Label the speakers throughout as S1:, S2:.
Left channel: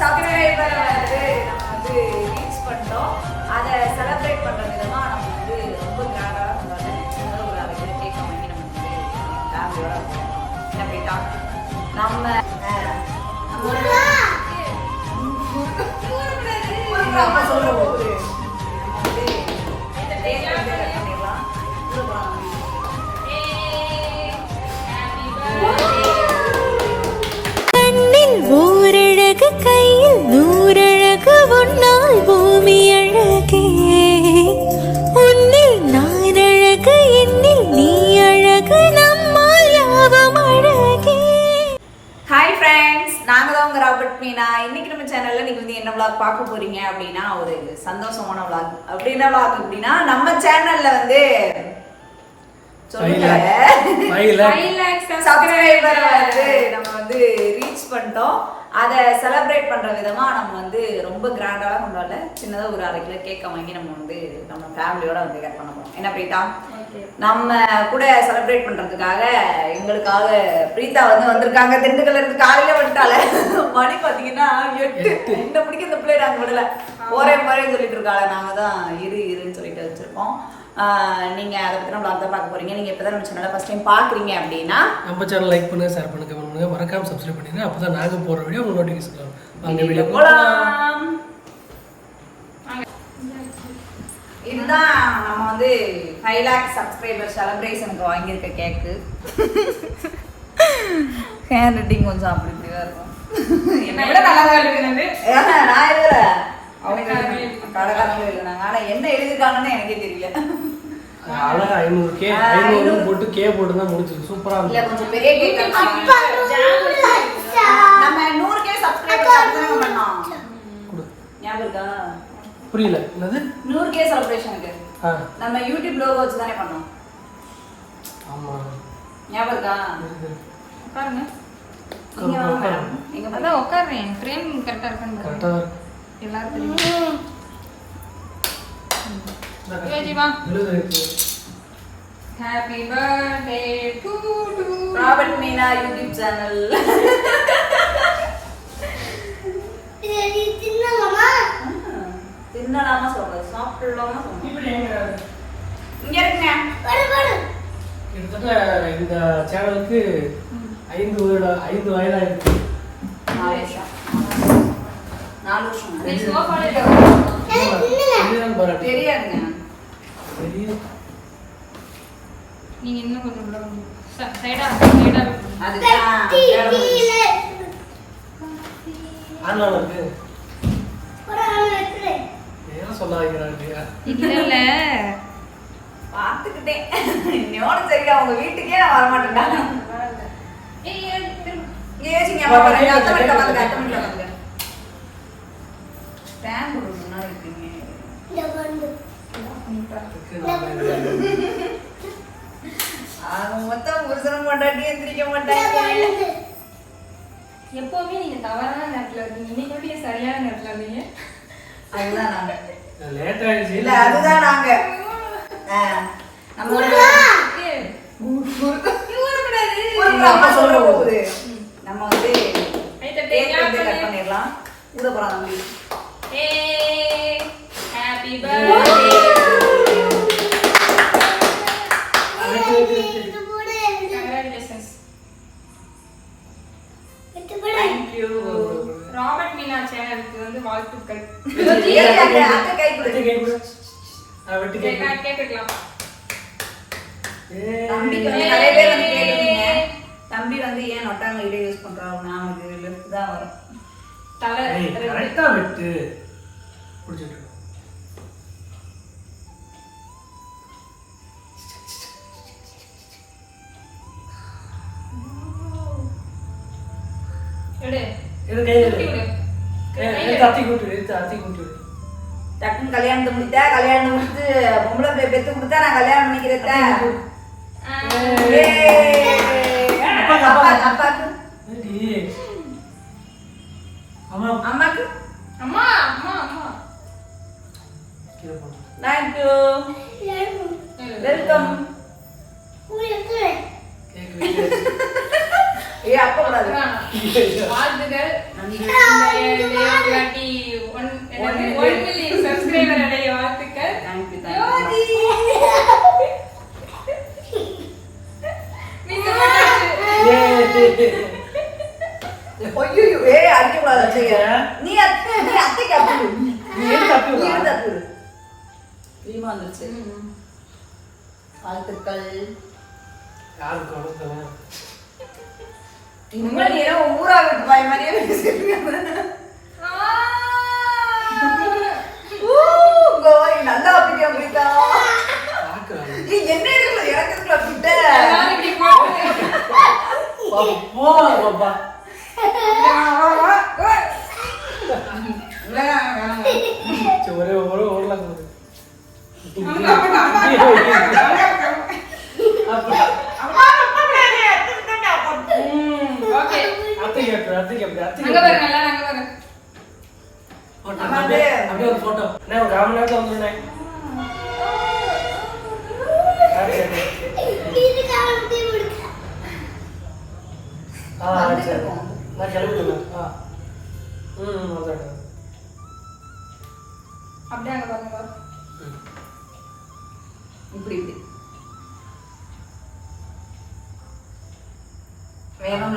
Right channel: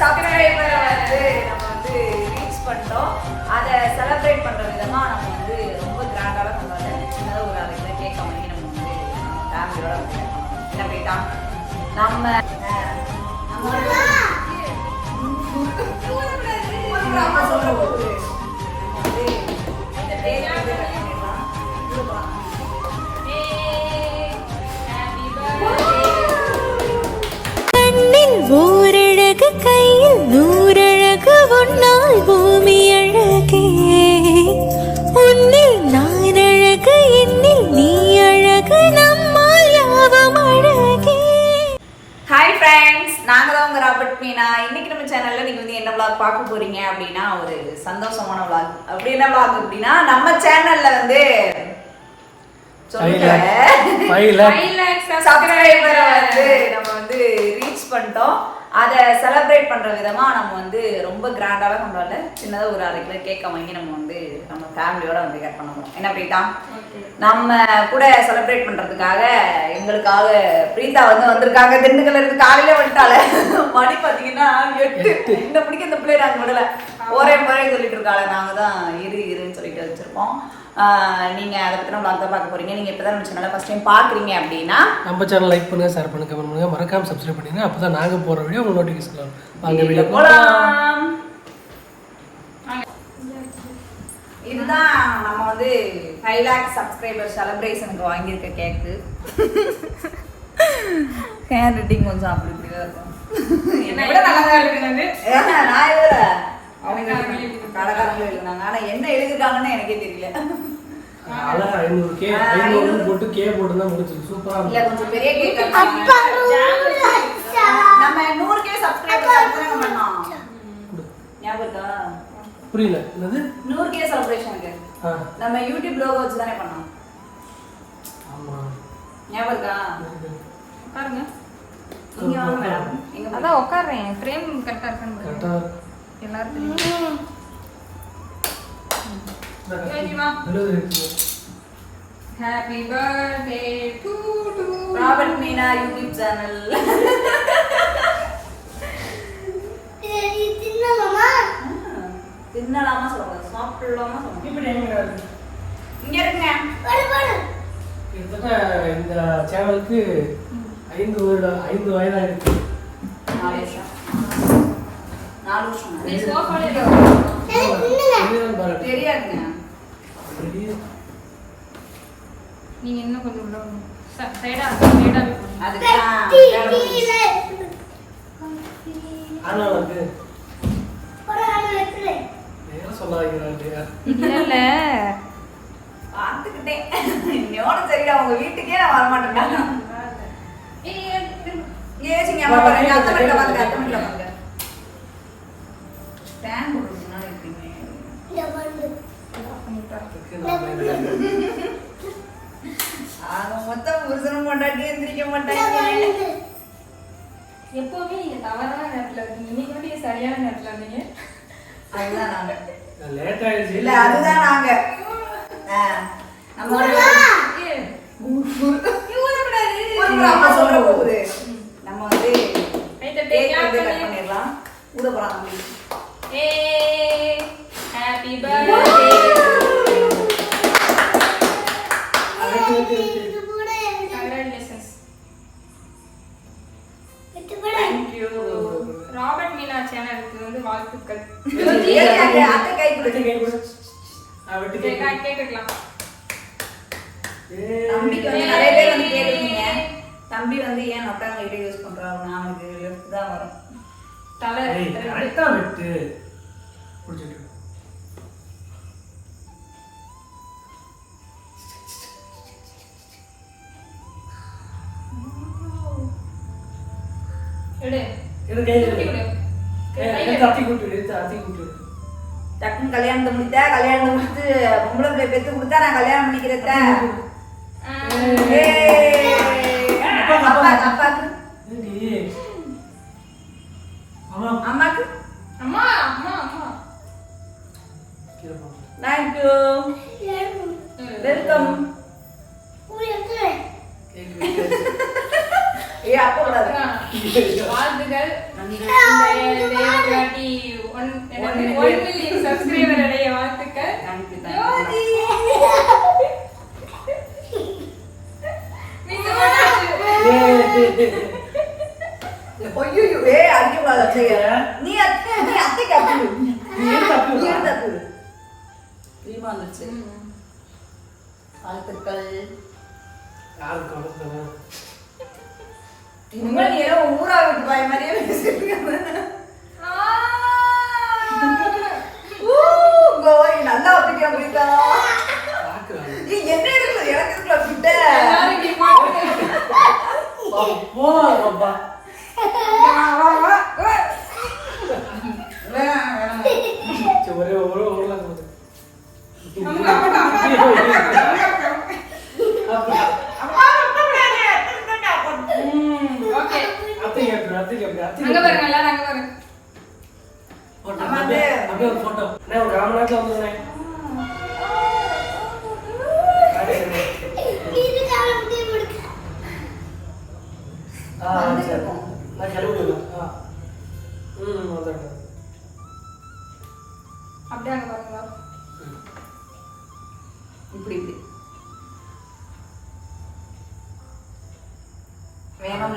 S1: சப்ஸ்கிரைபரை வந்து நம்ம வந்து ரீச் பண்ணிட்டோம். அதை செலிப்ரேட் பண்ற விதமா நம்ம வந்து ரொம்ப கிராண்டாக கொண்டாடு சின்னதாக ஒரு அரை கேட்க பண்ணி நம்ம வந்து நம்ம ஃபேமிலியோட வந்து என்ன போயிட்டோம் நம்ம நம்ம வந்து-
S2: கையில் நூறழகு உன்னால் பூமி அழகே. உன்னில் நான் அழகு என்னில் நீ அழகு நம்மால் யாவும் அழகே.
S1: ஹாய் ஃப்ரெண்ட்ஸ் நாங்க தான் உங்க ராபர்ட் மீனா. இன்னைக்கு நம்ம சேனல்ல நீங்க வந்து என்ன vlog பார்க்க போறீங்க அப்படின்னா ஒரு சந்தோஷமான vlog. அப்படி என்ன vlog அப்படின்னா நம்ம சேனல்ல வந்து. சப்ஸ்கிரைபரை வந்து நம்ம வந்து ரீச் பண்ணிட்டோம். அதை செலிப்ரேட் பண்ற விதமா நம்ம வந்து ரொம்ப கிராண்டாக கொண்டாடல சின்னதாக ஒரு அரை கிலோ கேக் வாங்கி நம்ம வந்து நம்ம ஃபேமிலியோட வந்து கட் பண்ண போறோம். என்ன பிரீட்டா நம்ம கூட செலிப்ரேட் பண்றதுக்காக எங்களுக்காக பிரீதா வந்து வந்திருக்காங்க. திண்டுக்கல்ல இருந்து காலையில வந்துட்டால மணி பாத்தீங்கன்னா எட்டு. இந்த பிடிக்க இந்த பிள்ளை நாங்க விடல. ஒரே மாதிரி சொல்லிட்டு இருக்காங்க நாங்க தான் இரு இருன்னு சொல்லிட்டு வச்சிருக்கோம். ஆஹ் நீங்க அதை பத்தின vlog தான் பார்க்க போறீங்க. நீங்க இப்பதான் நம்ம சேனலை ஃபர்ஸ்ட் டைம் பாக்குறீங்க அப்படின்னா
S3: நம்ம சேனல் லைக் பண்ணுங்க ஷேர் பண்ணுங்க கமெண்ட் பண்ணுங்க. மறக்காம சப்ஸ்கிரைப் பண்ணுங்க அப்பதான் நாங்க போற வீடியோ உங்களுக்கு நோட்டிஃபிகேஷன் வரும். வாங்க வீடியோ
S1: போலாம். இதுதான் நம்ம வந்து ஃபைவ் லேக் சப்ஸ்கிரைபர் செலிப்ரேஷனுக்கு வாங்கியிருக்க கேக்கு ஹேண்ட் ரைட்டிங் கொஞ்சம் அப்படி இப்படி தான் இருக்கும். என்னை விட நல்லா தான் ஏன்னா நான் எழுதல அவங்க கடைக்காரங்களும் எழுதுனாங்க ஆனா என்ன எழுதிருக்காங்கன்னு எனக்கே தெரியல.
S3: அழகா ஐநூறு கே
S1: ஆ,
S3: ஐநூறு
S1: ஐநூறு.
S3: போட்டு கே போட்டு தான் முடிச்சு சூப்பரா
S1: இல்ல
S3: இருக்கும்
S1: கொஞ்சம் பெரிய கேக் நம்ம நூறு கே சப்ஸ்கிரைபர் பண்ணோம்
S3: கொடு.
S1: ஞாபகம் இருக்கா?
S3: புரியல. என்னது?
S1: நூறு கே செலிப்ரேஷனுக்கு நம்ம யூடியூப் லோகோ வச்சு தானே பண்ணோம்.
S3: ஆமா.
S1: ஞாபகம் இருக்கா?
S4: உட்காருங்க.
S1: நீங்க வாங்க மேடம். பார்த்தா
S4: அதான் உட்காருறேன். ஃப்ரேம் கரெக்டா இருக்கான்னு பாருங்க.
S3: கரெக்டா இருக்கு.
S4: எல்லாரும் தெரியும்? Happy birthday to to
S1: Robert Meena YouTube channel தின்னலாமா சொல்லக்கூடாது சாப்பிடலாமா சொல்லணும் இங்க இருக்குங்க
S3: கிட்டத்தட்ட இந்த சேனலுக்கு ஐந்து வருட ஐந்து வயதாயிருக்கு.
S1: நாலு வருஷம் நாலு வருஷம் தெரியாதுங்க.
S4: நீங்க இன்னும் கொஞ்சம் உள்ள வாங்க. ச- சைடா சைடா
S3: ஏன் சொல்ல வைக்கிறாங்க
S1: பார்த்துக்கிட்டேன். இன்னோட சரிடா உங்க வீட்டுக்கே நான் வரமாட்டேன்டா. இங்க யோசிங்க அம்மா பாருங்க அத்தை மணில பாருங்க அத்தை பாருங்க ஸ்டாண்ட் போடுங்க முன்னாடி இருக்கீங்க ஆக மொத்தம் புருஷனும் பொண்டாட்டி எந்திரிக்க மாட்டாங்க.
S4: எப்பவுமே நீங்க தவறான நேரத்துல இருக்கீங்க. இன்னைக்கு சரியான நேரத்துல இருந்தீங்க?
S1: அதுதான் நாங்க.
S3: லேட் ஆயிடுச்சு.
S1: இல்ல அதுதான் நாங்க. நம்ம அம்மா சொல்ற போகுது. நம்ம வந்து கேக் வந்து கட்
S4: பண்ணு.
S1: பண்ணிடலாம். ஊத தம்பி
S4: ஏய், happy birthday. ராபர்ட் மீனா சேனலுக்கு வந்து வாழ்த்துக்கள்.
S1: அத்தை கை கொடு.
S3: வெட்டி கை கொடு. ஆ, வெட்டி கை கொடு.
S4: கேட்கலாம்
S3: ஏய்.
S1: தம்பிக்கு வந்து நிறைய பேர் வந்து கேட்டிருக்கீங்க. தம்பி வந்து ஏன் நொட்டாங்க இதை யூஸ் பண்றாங்க அவனுக்கு லெஃப்ட் தான் வரும்.
S4: தலை
S3: ஆ வெட்டு. புடிச்சிட்டு இருக்கு.
S4: எடு.
S3: இரு, கையில
S4: சுருட்டி
S3: இரு.
S4: விடு.
S3: கை-
S4: கையில
S3: எடுத்து அத்தி கூட்டு, எடுத்து அத்தி கூட்டு.
S1: டக்குன்னு கல்யாணத்தை முடித்தா கல்யாணம் முடிச்சு பொம்பளை பிள்ளை பெத்து கொடுத்தா நான் கல்யாணம் பண்ணிக்கிறேன் அப்பாக்கு அம்மாக்கு?
S4: அம்மா அம்மா அம்மா.
S3: கீழே போடு.
S1: Thank you welcome. ஏ அப்பா அப்பக்கூடாது
S4: வாழ்த்துக்கள் ஒன் மில்லியன் சப்ஸ்கிரைபர் அடைய வாழ்த்துக்கள்.
S1: தேங்க்யூ அடிக்க கூடாது அத்தைய நீ அத்தை நீ அத்தைக்கு அப்பி
S3: நீ எடுத்து அப்பி.
S1: நீ எடுத்து அப்பி க்ரீமா வந்துருச்சு வாழ்த்துக்கள்
S3: யாருக்கு வணக்கம்
S1: இனிமேல் நீ ஏதோ ஊரா விட்டு பாய் மாதிரியே நல்லா அப்படியா என்ன எனக்கு இருக்குல்ல அப்படிட்ட
S4: எல்லாரும் இப்படி போட்டு.
S3: பாப்பா, போலாம்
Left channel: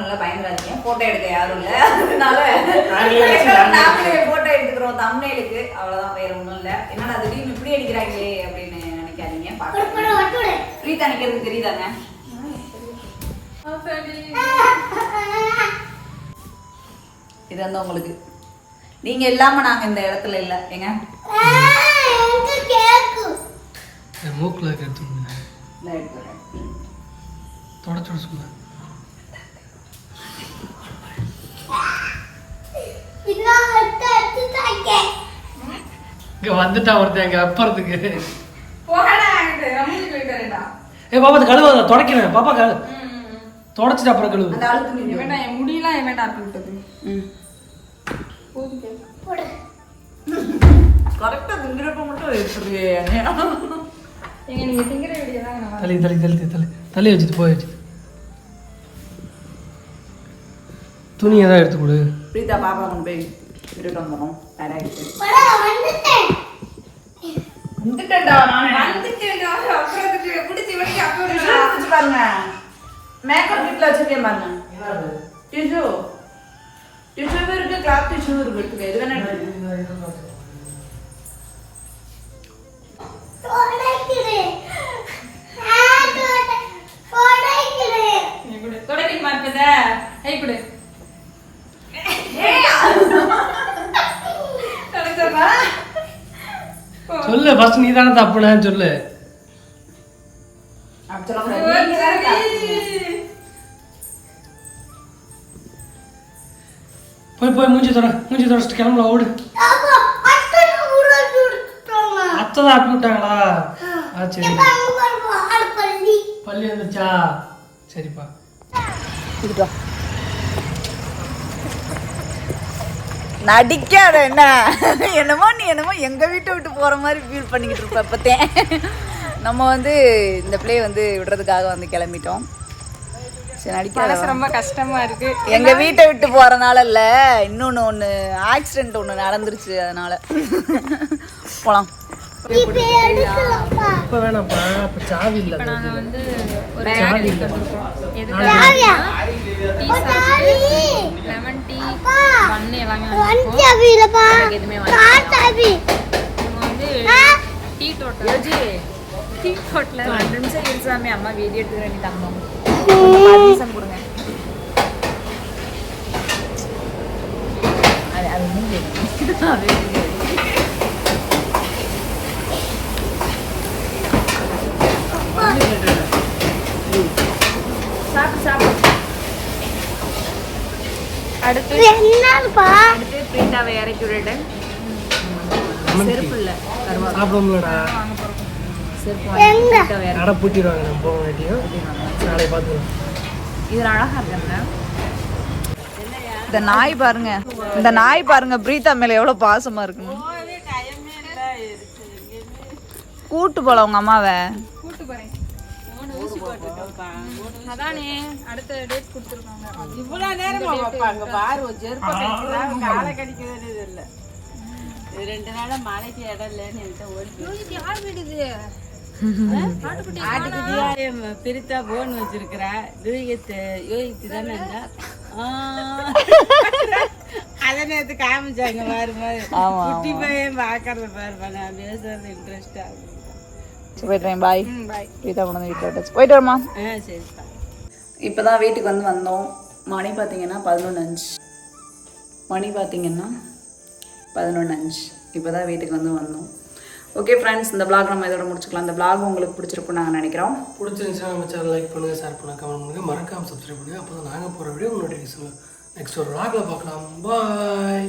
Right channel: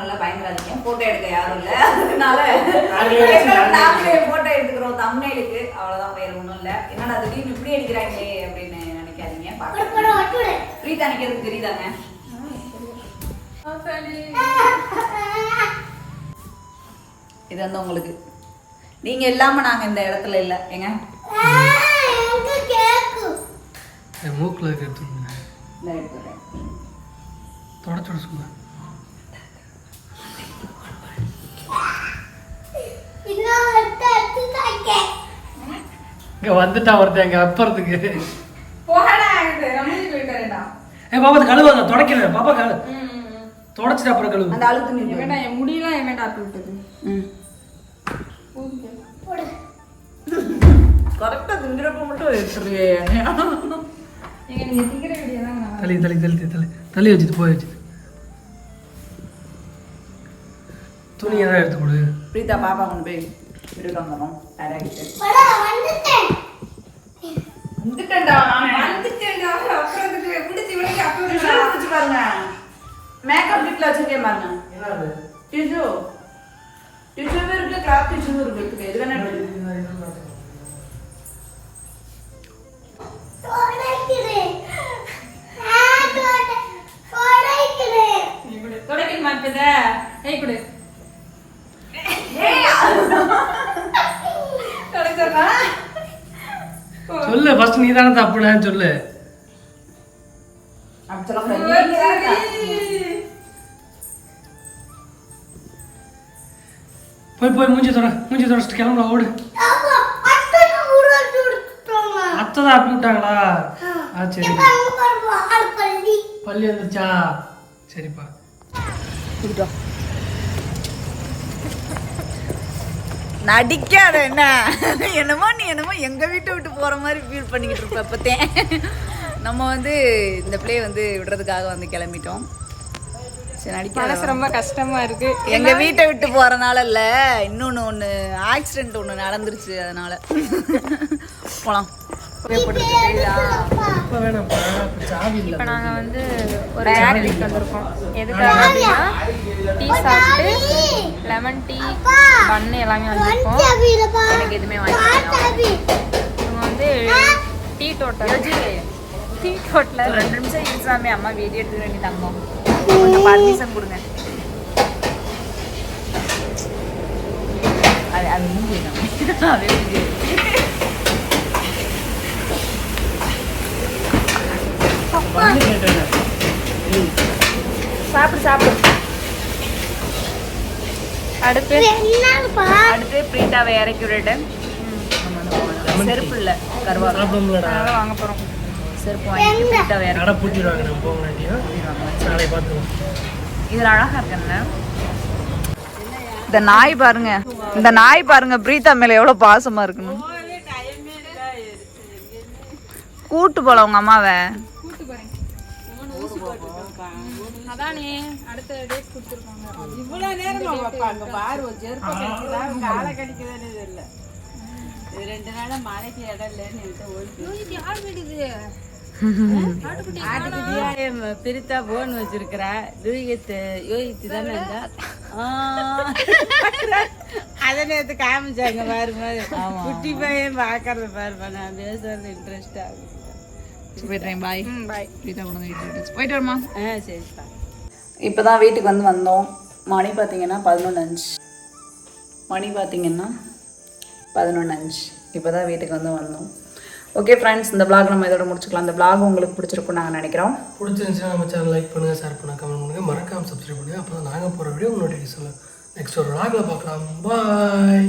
S1: நல்லா பயந்துடாதீங்க. போட்டோ எடுக்க யாரும் இல்ல. அதனால
S3: நாங்களே
S1: போட்டோ எடுத்துக்கிறோம். தம்னைலுக்கு அவ்வளவுதான். வேற ஒண்ணும் இல்ல. என்னடா திடீர்னு இப்படி அடிக்கிறாங்களே அப்படின்னு நினைக்காதீங்க. பாக்க பிரீதா தெரியுதாங்க?
S4: சரி.
S1: இது வந்து உங்களுக்கு. நீங்க இல்லாம நாங்க இந்த இடத்துல இல்ல. ஏங்க?
S3: மூக்குல இருக்க எடுத்து விடுங்க.
S1: இந்த எடுத்துக்கிறேன்.
S3: தொடச்சு விட இங்க வந்துட்டான் ஒருத்தன் எங்க அப்புறத்துக்கு. ஏ பாப்பா அது கழுவு நான் தொடக்கிறேன். பாப்பா கழு. தொடச்சிட்டு அப்புறம் கழுவு.
S4: என் முடியெல்லாம் இவன்டா ஆப்பி விட்டது
S1: ம்.
S4: போதும்.
S1: கரெக்டா திங்கிறப்ப மட்டும் எடுத்துருவே
S3: தள்ளி தள்ளி தள்ளி தள்ளி. தள்ளி வச்சுட்டு போய் வச்சு துணி ஏதாவது எடுத்து கொடு.
S1: பிரீதா பாப்பா கொண்டு போய் விட்டுட்டு வந்துடும் டேரக்ட் வந்துட்டேன்டா நானே
S4: வந்துட்டேன்டா. அப்புறம் பிடிச்சி வரைக்கும் அப்பி
S1: டிஷ்யூ
S4: விடுடா.
S1: வச்சு பாருங்க. மேக்கப் கிட்ல வச்சிருக்கேன் பாருங்க.
S3: என்னது?
S1: டிஷ்யூ டிஷ்யூவும் இருக்கு கிளாத் டிஷ்யூவும் இருக்கு. எடுத்துக்க. எது வேணா எடுத்துக்க.
S4: நீ கொடு. துடைக்கணுமா இப்ப இத? ஏய், கொடு. துடைச்சிடுறா? போ.
S3: சொல்லு ஃபர்ஸ்ட் நீ தானே தப்புனேன்னு சொல்லு. போய் போய் மூஞ்சி தொட மூஞ்சி தொடச்சிட்டு கிளம்புல ஓடு. அத்தை தான் அப்பி விட்டாங்களா? ஆ. சரி. பள்ளி. வந்துச்சா சரிப்பா.
S1: நடிக்காத என்ன? என்னமோ நீ என்னமோ எங்க வீட்டை விட்டு போற மாதிரி ஃபீல் பண்ணிக்கிட்டு இருப்ப இப்பத்தேன் நம்ம வந்து இந்த பிளே வந்து விடுறதுக்காக வந்து கிளம்பிட்டோம். சரி நடிக்காத
S4: ரொம்ப கஷ்டமா இருக்கு.
S1: எங்க வீட்டை விட்டு போறனால இல்ல இன்னொன்னு ஒண்ணு ஆக்சிடென்ட் ஒண்ணு நடந்துருச்சு அதனால. போலாம். தெரியுதா
S3: இப்போ
S4: நாங்கள் வந்து ஒரு பேக்கரிக்கு வந்திருக்கோம். எதுக்காக அப்படின்னா டீ சாப்பிட்டு லெமன் டீ பண்ணு எல்லாமே வந்திருக்கோம்.
S1: எனக்கு எதுவுமே வாங்கி
S4: இவங்க வந்து டீ தோட்டம். டீ தோட்டில்
S1: ரெண்டு நிமிஷம் இருசாமி அம்மா வீடியோ எடுத்துக்க வேண்டி தங்கம். கொஞ்சம் பர்மிஷன் கொடுங்க. அது அது வைக்கணும். அது மூஞ்சி வந்து
S4: அடுத்து
S1: அடுத்து பிரீதாவை இறக்கி செருப்பு இல்லை கருவா.
S4: வாங்க போகிறோம்
S1: செருப்பு வாங்கி பிரீதாவை இறக்கி
S3: பூட்டிடுவாங்க நம்ம போக
S1: இதுல இருக்குல்ல இந்த நாய் பாருங்க. இந்த நாய் பாருங்க பிரீதா மேல எவ்வளவு பாசமா இருக்குன்னு. கூட்டு போல உங்க அம்மாவை.
S4: அதானே அடுத்த டேட் கொடுத்துருக்காங்க.
S5: நேரமா வைப்பாங்க பாரு செருப்பை கடிக்கிறாங்க காலை கடிக்கிறதுன்னு இது இல்லை. இது ரெண்டு நாளா மழைக்கு இடம் இல்லைன்னு என்கிட்ட ஓடி
S4: யார்
S5: பிரித்தா போன் வச்சிருக்கிறா. யூகித்து யூகித்து தானே. அதை நேத்து காமிச்சாங்க பாரு பாரு குட்டி பையன் பாக்குறது பாருப்பா நான் பேசுறது இன்ட்ரெஸ்ட் ஆகும்
S1: போயிட்டுறேன் பாய்
S4: பாய்
S1: வீட்டை கொண்டு வந்து வீட்டில் விட்டாச்சு போயிட்டு வரமா
S5: ஆ சரிப்பா
S1: இப்போ தான் வீட்டுக்கு வந்து வந்தோம் மணி பார்த்தீங்கன்னா பதினொன்று அஞ்சு மணி பார்த்தீங்கன்னா பதினொன்று அஞ்சு இப்போ தான் வீட்டுக்கு வந்து வந்தோம் ஓகே ஃப்ரெண்ட்ஸ் இந்த vlog நம்ம இதோட முடிச்சுக்கலாம் இந்த vlog உங்களுக்கு பிடிச்சிருக்கும்னு நாங்கள் நினைக்கிறோம்
S3: பிடிச்சிருந்துச்சுன்னா நம்ம சேனல் லைக் பண்ணுங்கள் ஷேர் பண்ணுங்கள் கமெண்ட் பண்ணுங்கள் மறக்காமல் சப்ஸ்கிரைப் பண்ணுங்கள் அப்போ நாங்கள் போகிற வீடியோ நோட்டிஃபிகேஷன் நெக்ஸ்ட் ஒரு vlogல பார்க்கலாம் பாய்